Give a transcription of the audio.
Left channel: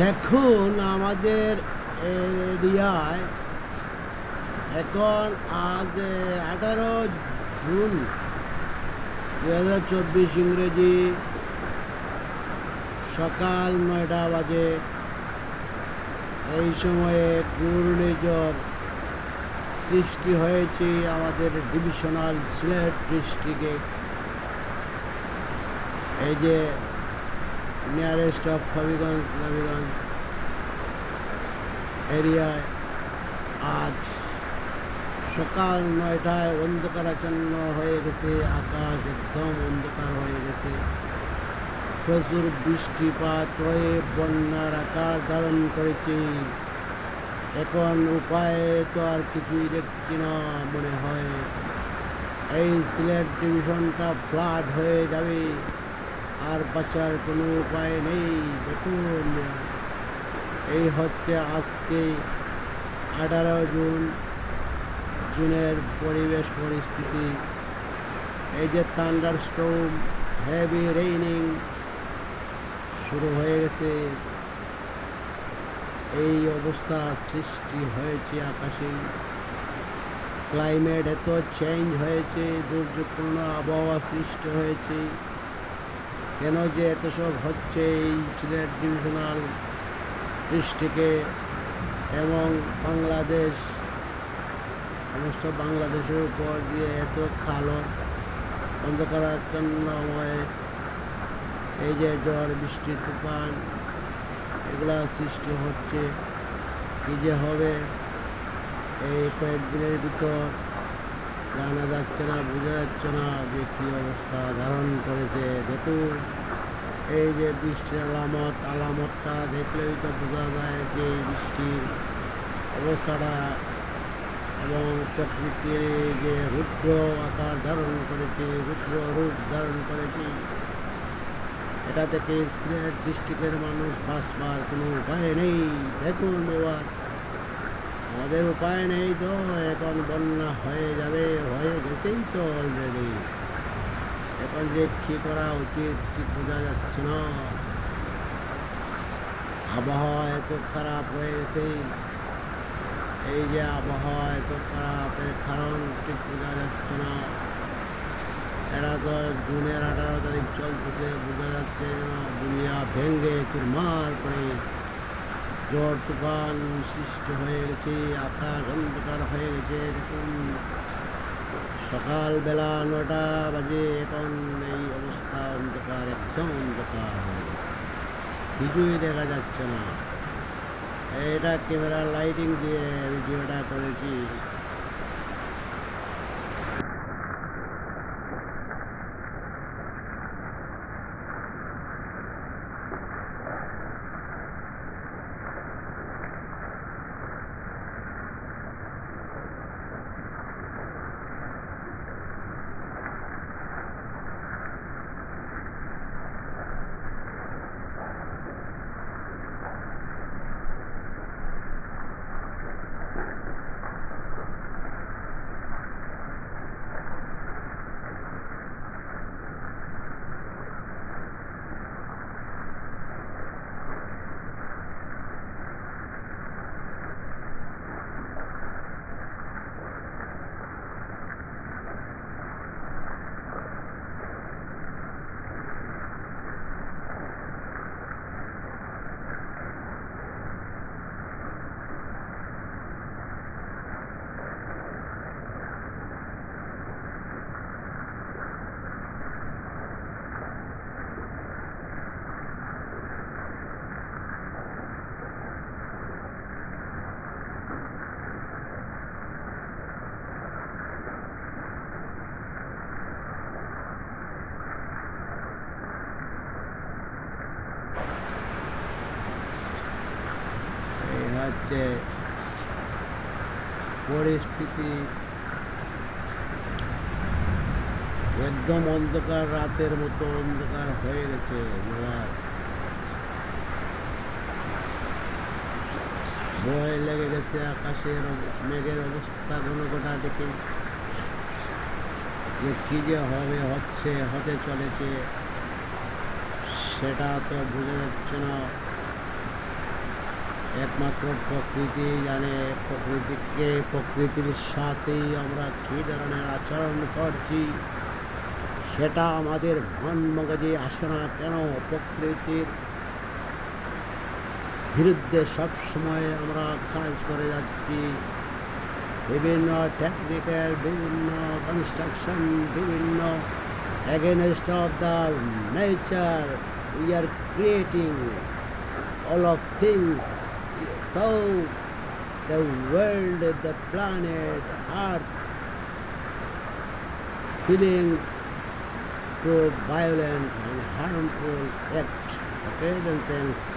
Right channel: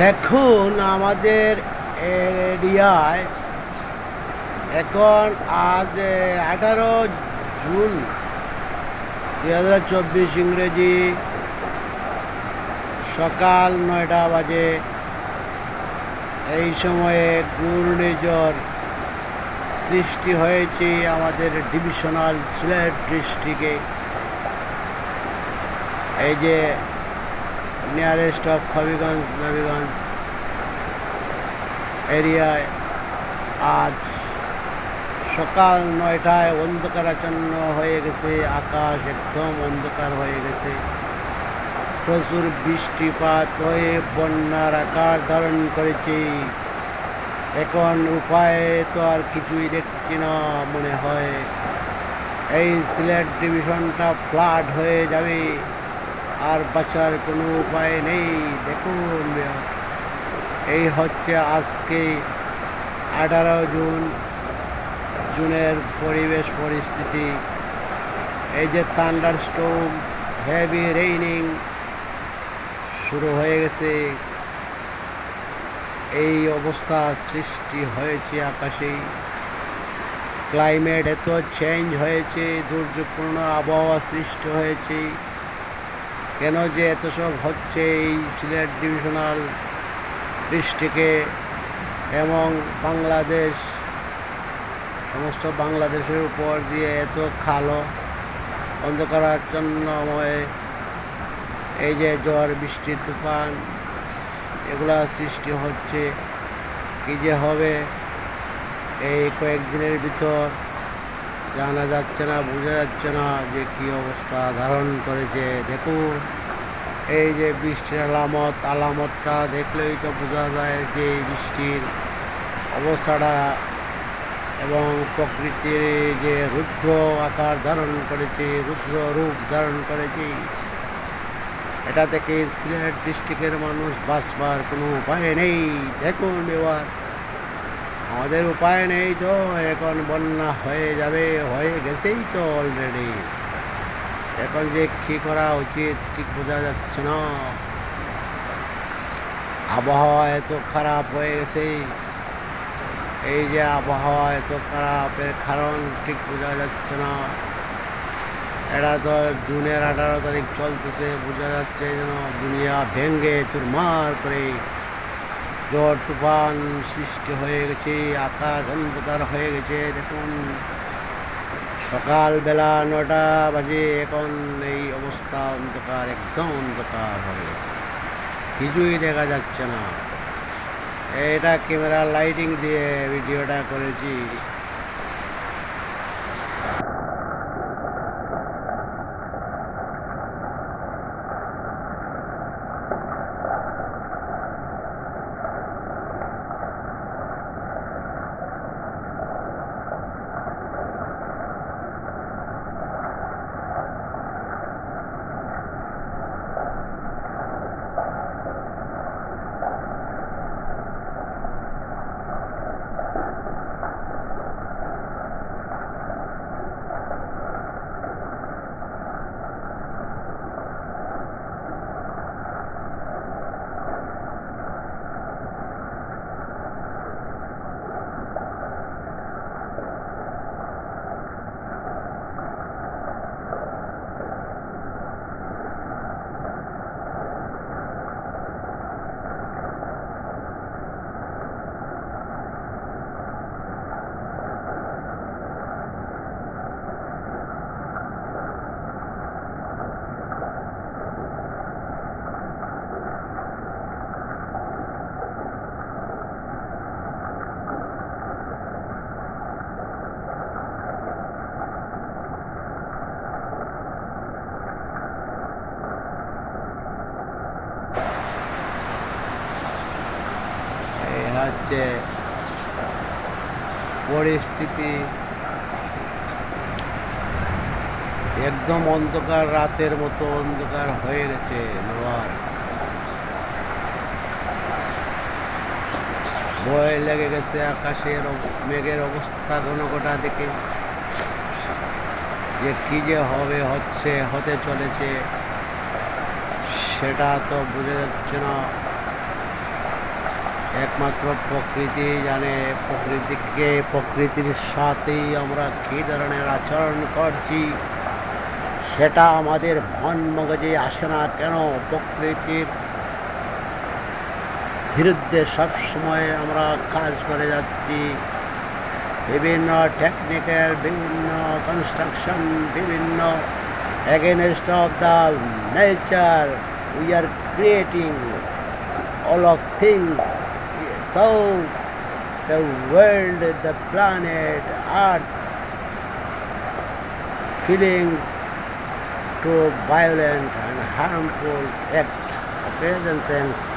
দেখুন আমাদের এরিয়ায় এখন আজ 18 জুন 2024 ইংরেজি সকাল 9টা বাজে। এই সময়ে ঘূর্ণিঝড় সৃষ্টি হয়েছে আমাদের ডিভিশনাল সিলেট ডিস্ট্রিক্টে। এই যে নিয়ারেস্ট অফ নবীগঞ্জ এরিয়ায় আজ সকাল 9টায় অন্ধকারাচ্ছন্ন হয়ে গেছে, আকাশ একদম অন্ধকার হয়ে গেছে। প্রচুর বৃষ্টিপাত হয়ে বন্যার আকার ধারণ করেছে। এখন উপায় তো আর কিছুই দেখছি না, মনে হয় এই সিলেট ডিভিশনটা ফ্লাড হয়ে যাবে, আর বাঁচার কোনো উপায় নেই। দেখুন এই হচ্ছে আজকে 18 জুনের পরিবেশ পরিস্থিতি। এই যে থান্ডার স্টর্ম, হেভি রেইনিং শুরু হয়ে গেছে। এই অবস্থা সৃষ্টি হয়েছে আকাশে। ক্লাইমেট এত চেঞ্জ হয়েছে, দুর্যোগপূর্ণ আবহাওয়া সৃষ্টি হয়েছে। কেন যে এত সব হচ্ছে এই সিলেট ডিভিশনাল ডিস্ট্রিক্টে এবং বাংলাদেশ, সমস্ত বাংলাদেশের উপর দিয়ে এত কালো অন্ধকারাচ্ছন্নময় এই যে ঝড় বৃষ্টি তুফান এগুলা সৃষ্টি হচ্ছে। কী যে হবে এই কয়েকদিনের ভিতর জানা যাচ্ছে না, বোঝা যাচ্ছে না যে কী অবস্থা ধারণ করেছে। দেখুন এই যে বৃষ্টির আলামতটা দেখলেই তো বোঝা যায় যে বৃষ্টির অবস্থাটা এবং প্রকৃতির যে রুদ্র আকার ধারণ করেছে, রুদ্র রূপ ধারণ করেছে। এটা থেকে সিলেট ডিস্ট্রিক্টের মানুষ বাঁচবার কোনো উপায় নেই। দেখুন এবার আমাদের উপায় নেই, তো এখন বন্যা হয়ে যাবে, হয়ে গেছেই তো অলরেডি। এখন যে কী করা উচিত ঠিক বোঝা যাচ্ছে না। আবহাওয়া এত খারাপ হয়ে গেছে, এই যে আবহাওয়া এত খারাপের কারণ ঠিক বোঝা যাচ্ছে না। এটা তো জুনের 18 তারিখ চলতেছে, বোঝা যাচ্ছে যেন দুনিয়া ভেঙে চুরমার করে ঝড় তুফান সৃষ্টি হয়ে গেছে, আকাশ অন্ধকার হয়ে গেছে। দেখুন সকালবেলা 9টা বাজে, এখন এই অবস্থা অন্ধকার, একদম অন্ধকার হয়ে গেছে, কিছুই দেখা যাচ্ছে না। এটা ক্যামেরা লাইটিং দিয়ে ভিডিওটা করেছি। এই হচ্ছে পরিস্থিতি, একদম অন্ধকার, রাতের মতো অন্ধকার হয়ে গেছে। ভয় লেগে গেছে আকাশের মেঘের অবস্থা ঘনঘটা দেখে, যে কী যে হবে, হতে চলেছে সেটা তো বোঝা যাচ্ছে না। একমাত্র প্রকৃতি জানে, প্রকৃতির সাথেই আমরা কী ধরনের আচরণ করছি সেটা আমাদের মন মগজে আসে না কেন। প্রকৃতির বিরুদ্ধে সবসময় আমরা কাজ করে যাচ্ছি। বিভিন্ন টেকনিক্যাল, বিভিন্ন কনস্ট্রাকশন, বিভিন্ন against of the nature we are creating all of things. So the world, the planet earth feeling to violent and harmful act. Okay, then thanks.